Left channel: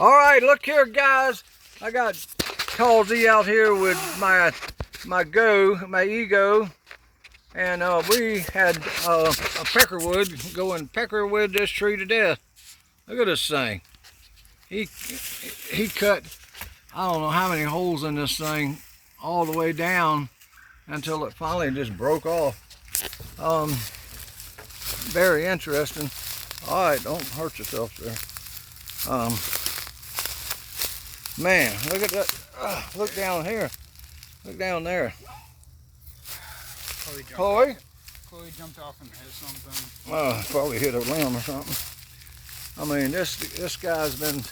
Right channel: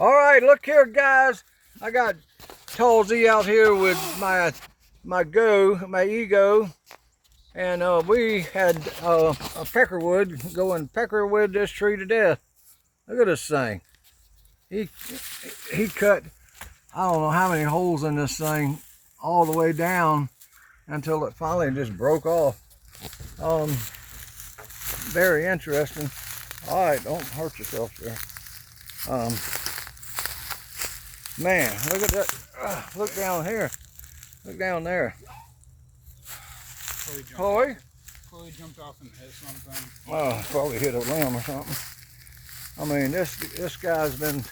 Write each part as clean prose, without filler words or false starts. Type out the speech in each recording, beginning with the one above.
All right, look here, guys. I got Halsey out here with my ego, and we had a peckerwood go and peckerwood this tree to death. Look at this thing. He cut, I don't know how many holes in this thing all the way down until it finally just broke off. Very interesting. All right, don't hurt yourself there. Man, look at that. Look down here. Look down there. Chloe? Chloe jumped off and hit something. Probably hit a limb or something. I mean, this guy's been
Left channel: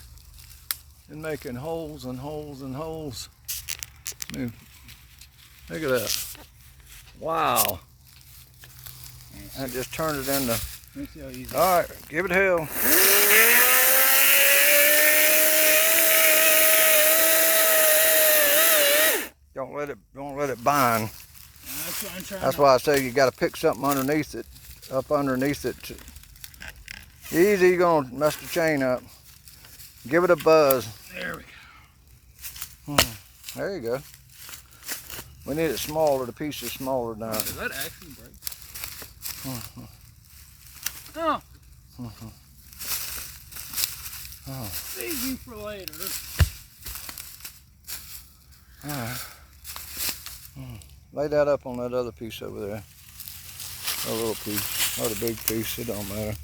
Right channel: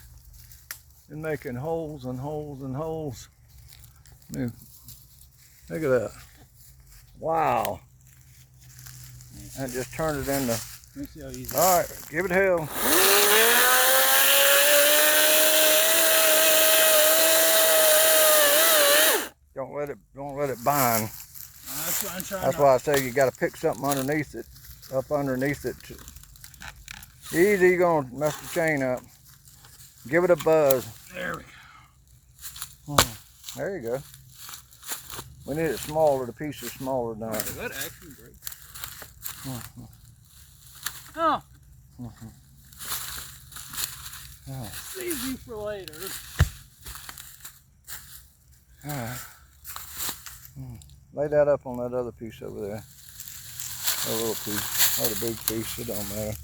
making holes and holes and holes. I mean, look at that. Wow. I just turned it into. All right, give it hell. Don't let it bind. That's what I'm trying. That's why I say you got to pick something underneath it, up underneath it. Easy, you're gonna mess the chain up. Give it a buzz. There we go. There you go. We need it smaller. The piece is smaller now. Did that actually break? Oh. Save you for later. All right. Lay that up on that other piece over there. That little piece, or the big piece, it don't matter.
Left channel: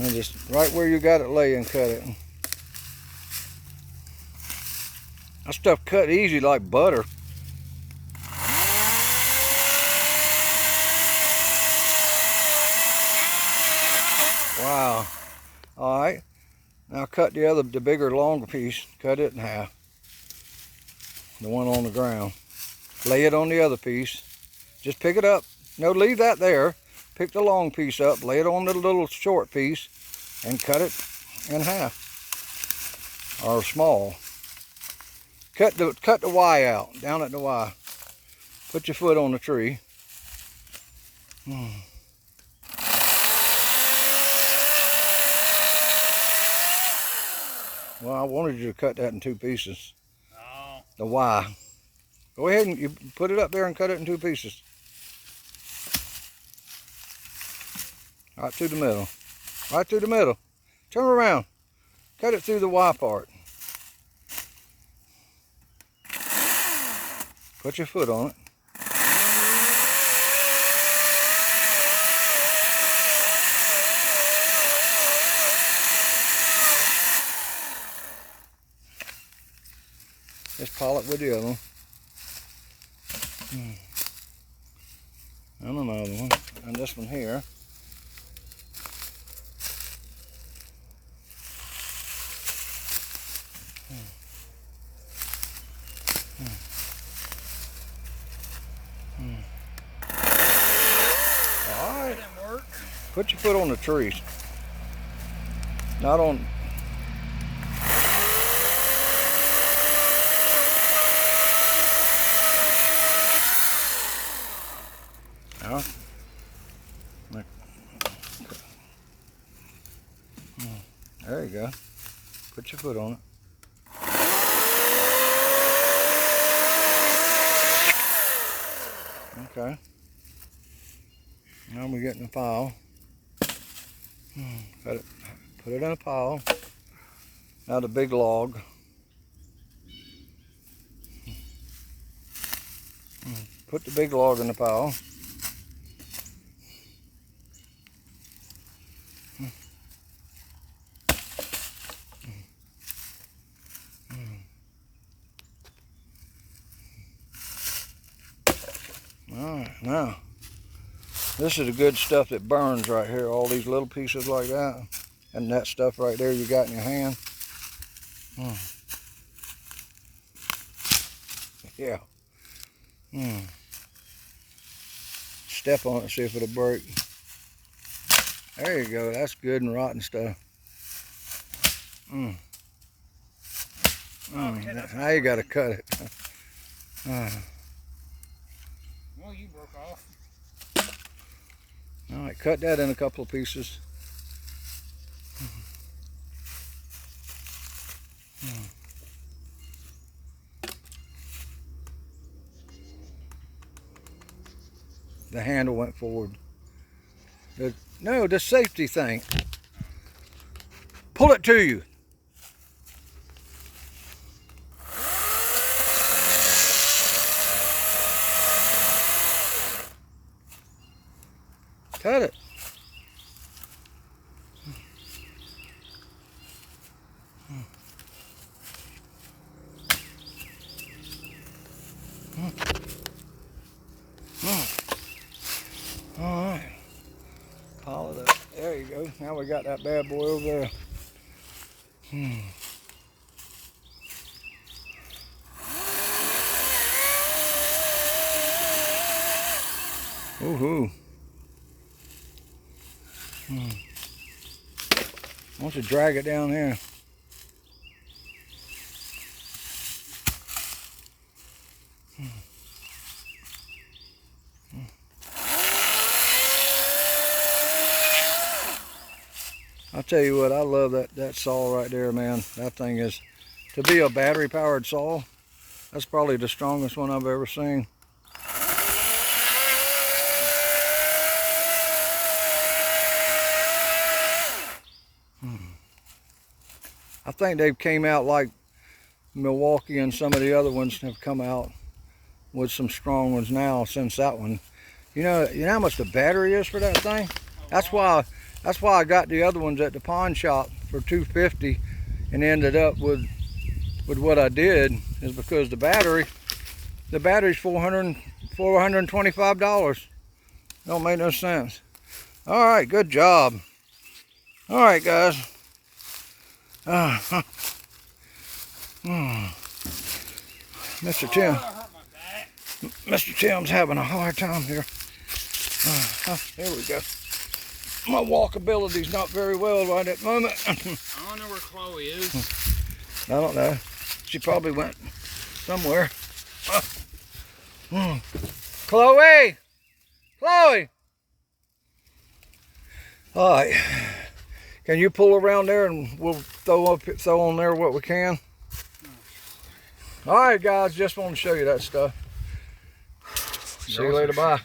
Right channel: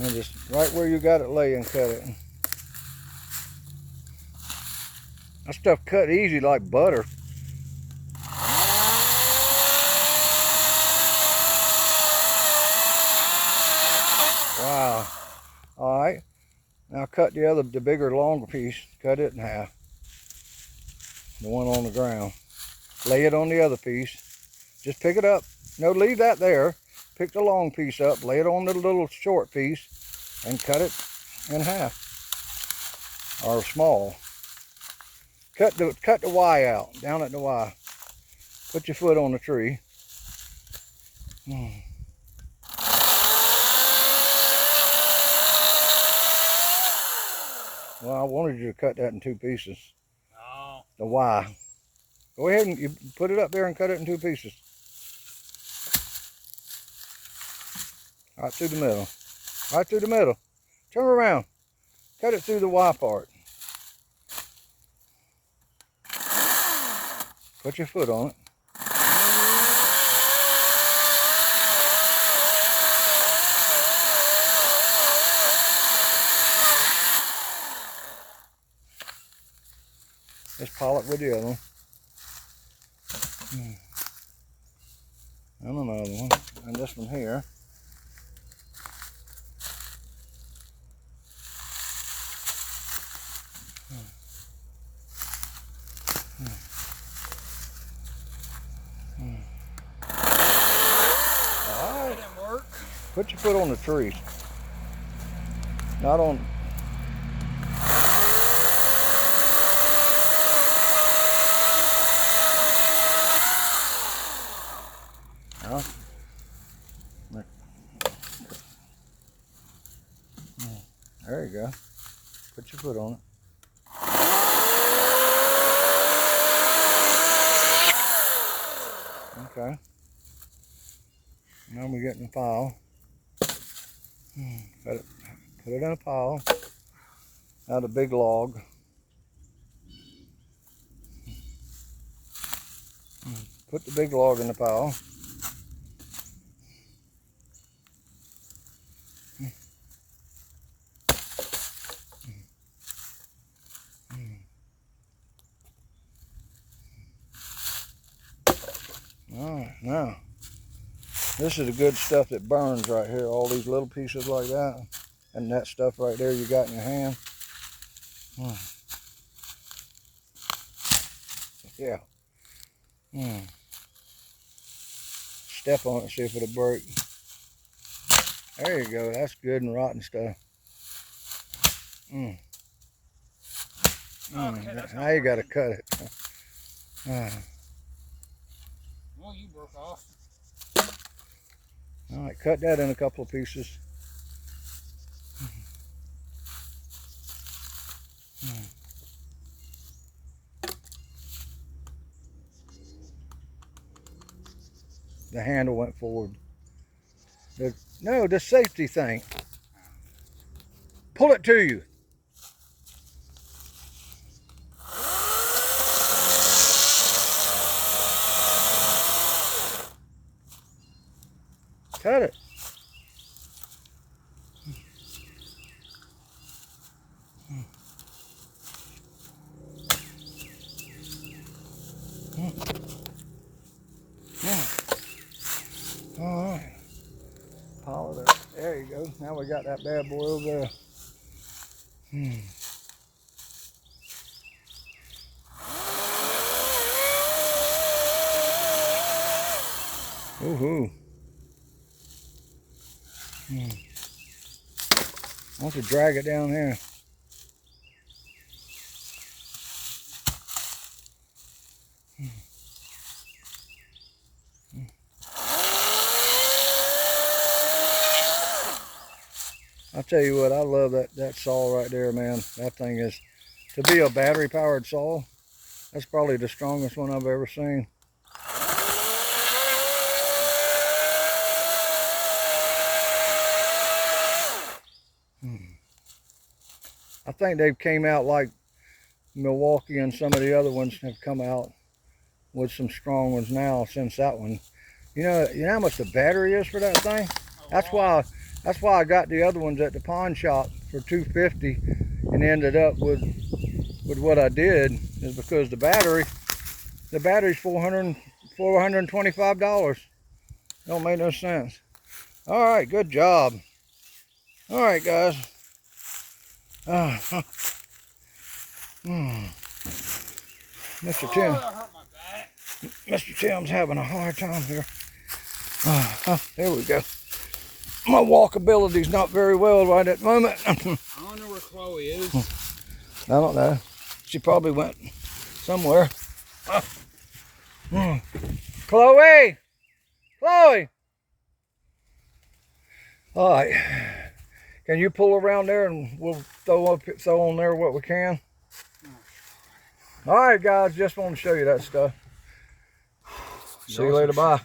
And just right where you got it lay and cut it. That stuff cut easy like butter. Wow. All right. Now cut the bigger, longer piece. Cut it in half. The one on the ground. Lay it on the other piece. Just pick it up. No, leave that there. Pick the long piece up. Lay it on the little short piece, and cut it in half, or small. Cut the Y out. Down at the Y. Put your foot on the tree. Well, I wanted you to cut that in two pieces. Oh. The Y. Go ahead and you put it up there and cut it in two pieces. Right through the middle. Right through the middle. Turn around. Cut it through the Y part. Put your foot on it. Just pile it with the other one. And another one. And this one here. All right. Put your foot on the trees. Not on. There you go. Put your foot on it. Okay. Now we're getting a pile. Put it in a pile. Now the big log. Put the big log in the pile. All right, now this is the good stuff that burns right here. All these little pieces like that, and that stuff right there you got in your hand. Yeah. Step on it, see if it'll break. There you go. That's good and rotten stuff. Now you got to cut it. Well, you broke off. All right, cut that in a couple of pieces. the handle went forward. No, the safety thing. Pull it to you. Cut it. All right. Pile it up. There you go. Now we got that bad boy over there. Woohoo. I want to drag it down here. I'll tell you what, I love that saw right there, man. That thing is, to be a battery powered saw, that's probably the strongest one I've ever seen. I think they've came out like Milwaukee and some of the other ones have come out with some strong ones now since that one. You know how much the battery is for that thing? That's why I got the other ones at the pawn shop for $250 and ended up with what I did, is because the battery's $425. Don't make no sense. All right, good job. All right, guys. Mr. Tim. that hurt my back. Mr. Tim's having a hard time here. There we go. My walkability's not very well right at the moment. I don't know where Chloe is. I don't know. She probably went somewhere. Chloe! Chloe! All right. Can you pull around there and we'll throw on there what we can? All right, guys. Just want to show you that stuff. See you later. Bye.